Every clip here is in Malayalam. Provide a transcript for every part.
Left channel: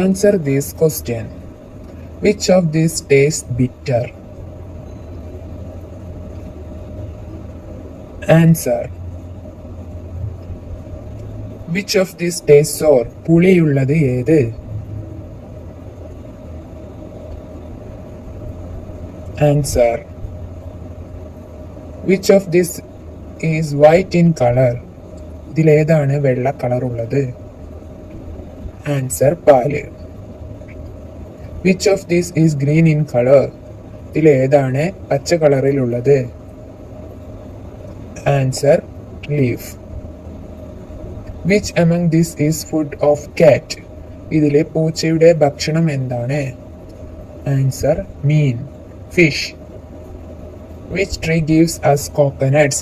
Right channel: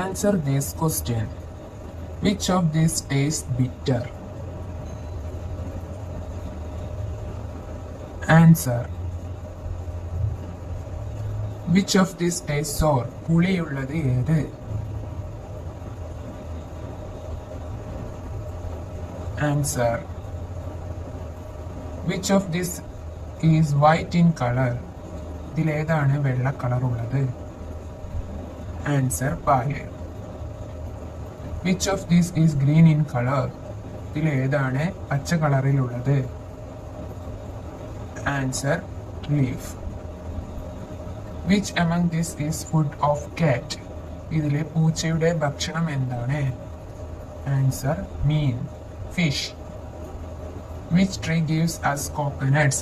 Answer this question. Which of these tastes bitter? Answer. Which of these tastes sour? പുളിയുള്ളത് ഏത്? Answer. Which of these is white in color? ഇതിലേതാണ് വെള്ള കളർ ഉള്ളത്? Answer. പാല്. Which of these is green in color? ഇതിലേതാണ് പച്ച കളറിലുള്ളത്? Answer. Leaf. Which among these is food of cat? ഇതിലെ പൂച്ചയുടെ ഭക്ഷണം എന്താണ്? Answer. Mean. Fish. Which tree gives us coconuts?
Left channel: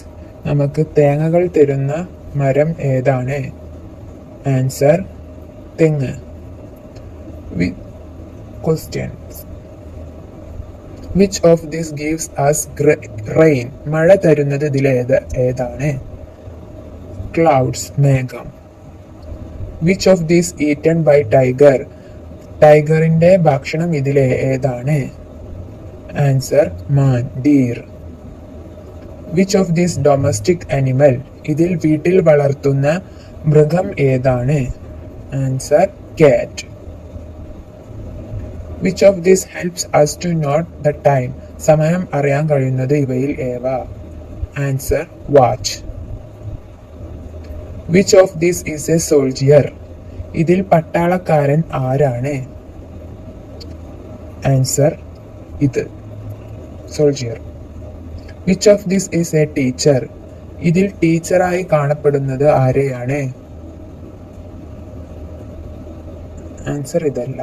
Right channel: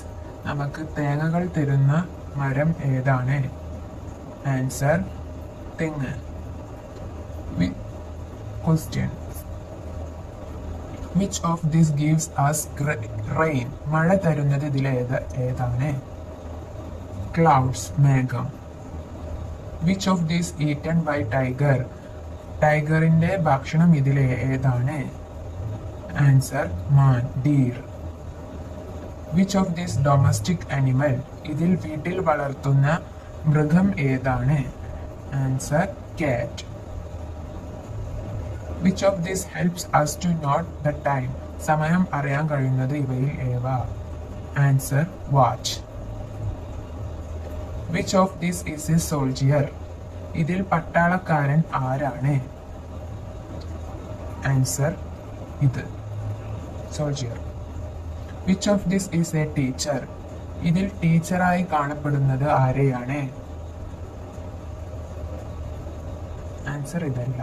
നമുക്ക് തേങ്ങകൾ തരുന്ന മരം ഏതാണ്? Answer. തെങ്ങ്. Questions. Which of these gives us rain? മഴ തരുന്നത് ഏതാണ്? Clouds. മേഘം. Which of these eaten by tiger? ടൈഗറിന്റെ ഭക്ഷണം ഏതാണ്? Answer. Man. Deer. Which of these domestic animal? ഇതിൽ വീട്ടിൽ വളർത്തുന്ന മൃഗം ഏതാണ്? Answer. Cat. Which of these helps us to note the time? സമയം അറിയാൻ കഴിയുന്നത് ഇവയിൽ ഏവ? Answer. Watch. Which of these is a soldier? ഇതിൽ പട്ടാളക്കാരൻ ആരാണ്? Answer. ഇത്. Soldier. Which of these is a teacher? ഇതിൽ ടീച്ചറായി കാണപ്പെടുന്നത് ആരെയാണ്? Answer. ഇതല്ല.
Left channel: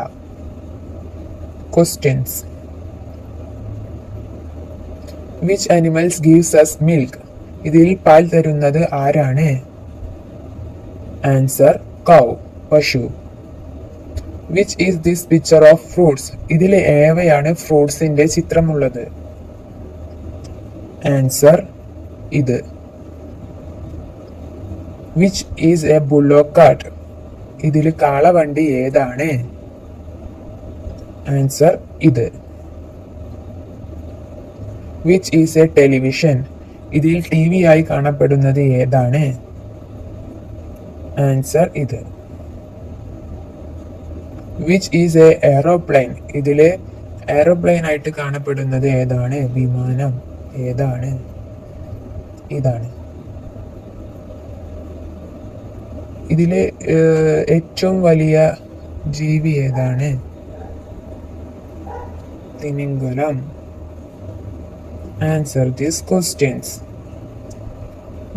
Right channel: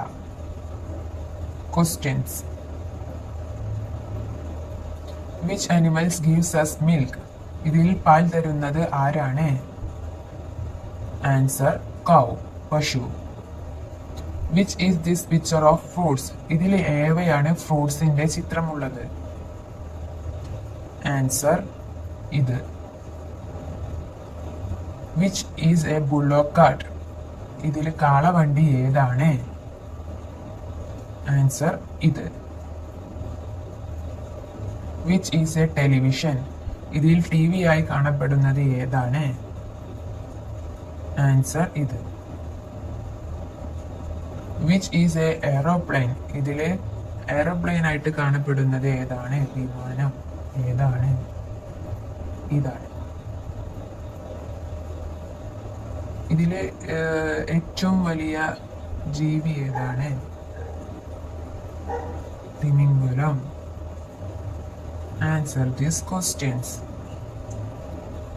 Questions. Which animals gives us milk? ഇതിൽ പാൽ തരുന്നത് ആരാണ്? Answer. Cow. പശു. Which is this picture of fruits? ഇതിലെ ഏവയാണ് ഫ്രൂട്ട്സിന്റെ ചിത്രമുള്ളത്? Answer. ഇത്. Which is a bullock cart? ഇതിൽ കാളവണ്ടി ഏതാണ്? Answer. ഇത്. Which is a television? ഇതിൽ TV ആയി കാണപ്പെടുന്നത് ഏതാണ്? Answer. ഇത്. Which is a aeroplane? ഇതിലെ എയറോപ്ലെയിൻ ആയിട്ട് കാണപ്പെടുന്നത് ഏതാണ്? വിമാനം. ഏതാണ്? ഇതാണ്. ഇതിലെ ഏറ്റവും വലിയ ജീവി ഏതാണ്? തിമിംഗലം. Answer these questions.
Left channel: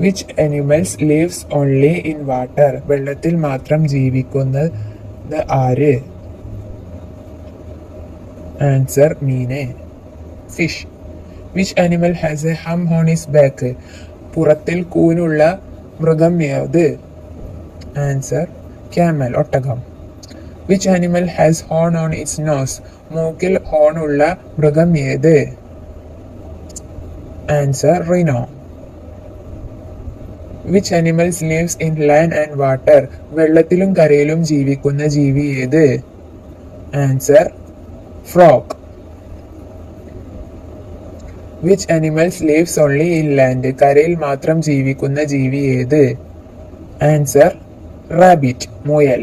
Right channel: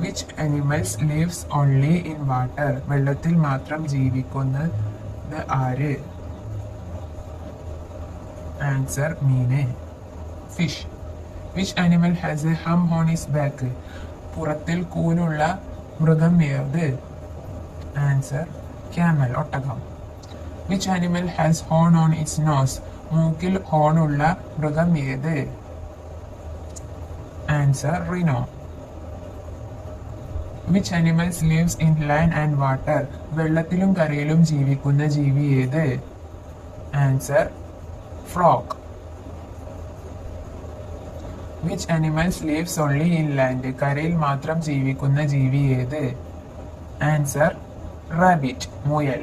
Which animals lives only in water? വെള്ളത്തിൽ മാത്രം ജീവിക്കുന്നത് ആര്? Answer. മീന്. Fish. Which animal has a hump on its back? പുറത്തിൽ കൂനുള്ള മൃഗം ഏത്? Answer. Camel. ഒട്ടകം. Which animal has horn on its nose? മൂക്കിൽ ഹോൺ ഉള്ള മൃഗം ഏത്? Answer. Rhino. Which animals lives in land and water? വെള്ളത്തിലും കരയിലും ജീവിക്കുന്ന ജീവി ഏത്? Answer. Frog. Which animals lives only in land? കരയിൽ മാത്രം ജീവിക്കുന്ന ജീവി ഏത്? Answer. Rabbit. മുയൽ.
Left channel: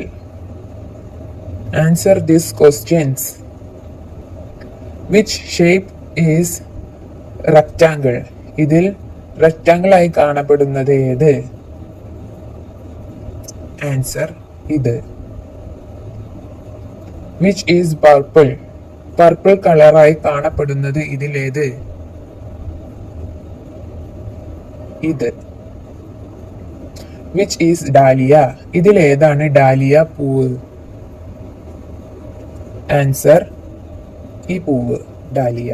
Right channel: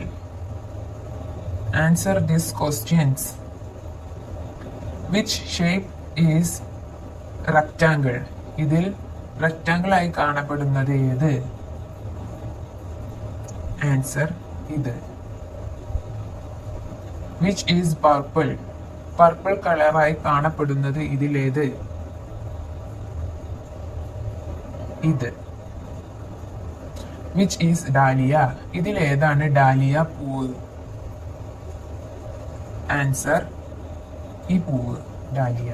Answer these questions. Which shape is rectangle? ഇതിൽ റെക്ടാങ്കിൾ ആയി കാണപ്പെടുന്നത് ഏത്? Answer. ഇത്. Which is purple? പർപ്പിൾ കളറായി കാണപ്പെടുന്നത് ഇതിലേത്? ഇത്. Which is dahlia? ഇതിലേതാണ് ഡാലിയ പൂവ്? Answer. ഈ പൂവ്. Dahlia.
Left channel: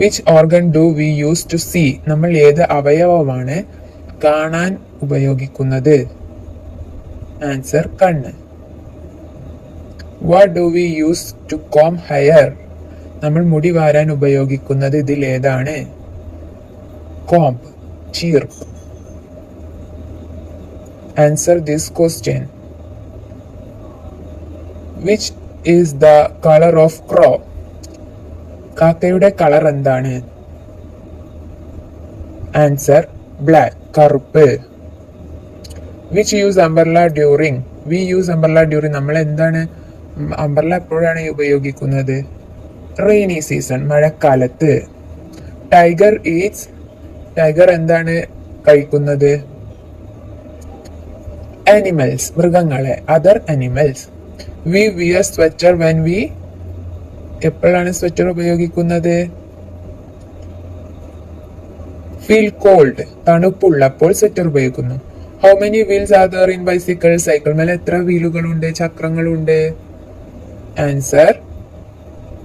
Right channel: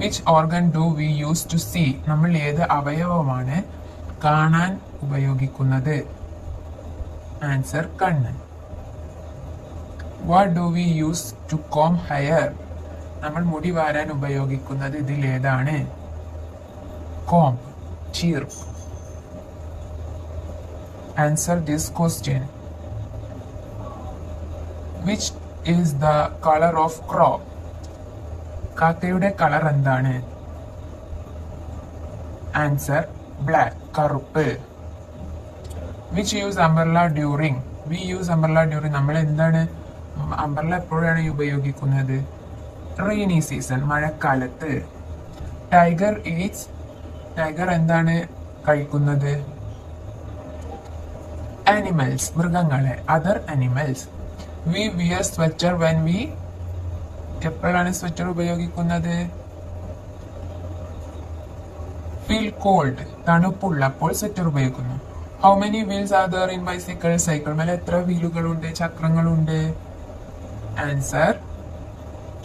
Which organ do we use to see? നമ്മൾ ഏത് അവയവമാണ് കാണാൻ ഉപയോഗിക്കുന്നത്? Answer. കണ്ണ്. What do we use to comb hair? നമ്മൾ മുടി വാരാൻ ഉപയോഗിക്കുന്നത് ഇതിൽ ഏതാണ്? Comb. ചീർപ്പ്. Answer this question. Which is the colour of crow? കാക്കയുടെ കളർ എന്താണ്? ആൻസർ ബ്ലാക്ക്, കറുപ്പ്. Which use umbrella during? We use umbrella during. നമ്മൾ എന്താണ് അംബ്രല്ല എപ്പോഴാണ് ഉപയോഗിക്കുന്നത്? റെയിനി സീസൺ, മഴക്കാലത്ത്. ടൈഗർ ഈറ്റ്സ്, ടൈഗർ എന്താണ് കഴിക്കുന്നത്? ആനിമൽസ്, മൃഗങ്ങളെ, other animals. We wear sweater when we, എപ്പോഴാണ് സ്വെറ്റർ ഉപയോഗിക്കുന്നത്? ഫീൽ കോൾഡ്, തണുപ്പുള്ളപ്പോൾ സ്വെറ്റർ ഉപയോഗിക്കുന്നു. How many wheels are there in bicycle? Cycle മേലെ എത്ര വീലുകളുണ്ട്, ചക്രങ്ങളുണ്ട്? Answer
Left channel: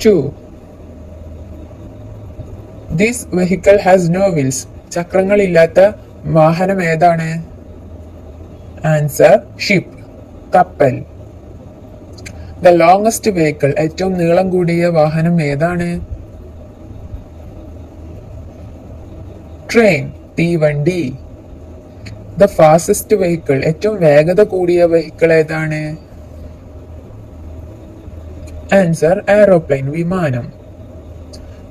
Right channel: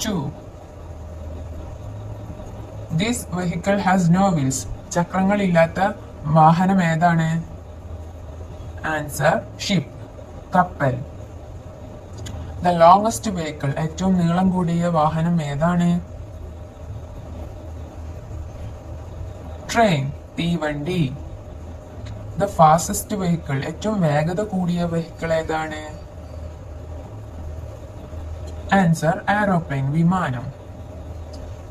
2. This vehicle has no wheels. ചക്രങ്ങളില്ലാത്ത വാഹനം ഏതാണ്? ആൻസർ ഷിപ്പ്, കപ്പൽ. ദ ലോങ്സ്റ്റ് വെഹിക്കിൾ, ഏറ്റവും നീളം കൂടിയ വാഹനം ഏതാണ്? ട്രെയിൻ, തീവണ്ടി. ദ ഫാസ്റ്റസ്റ്റ് വെഹിക്കിൾ, ഏറ്റവും വേഗത കൂടിയ വെഹിക്കിൾ ഏതാണ്? ആൻസർ എയറോപ്ലെയിൻ, വിമാനം.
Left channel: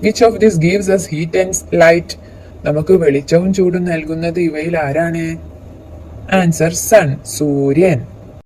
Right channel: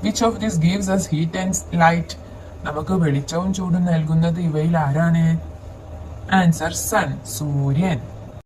Which of this gives us heat and light? നമുക്ക് വെളിച്ചവും ചൂടും നൽകുന്നത് ഇവയിൽ ആരാണ്? ആൻസർ സൺ, സൂര്യൻ.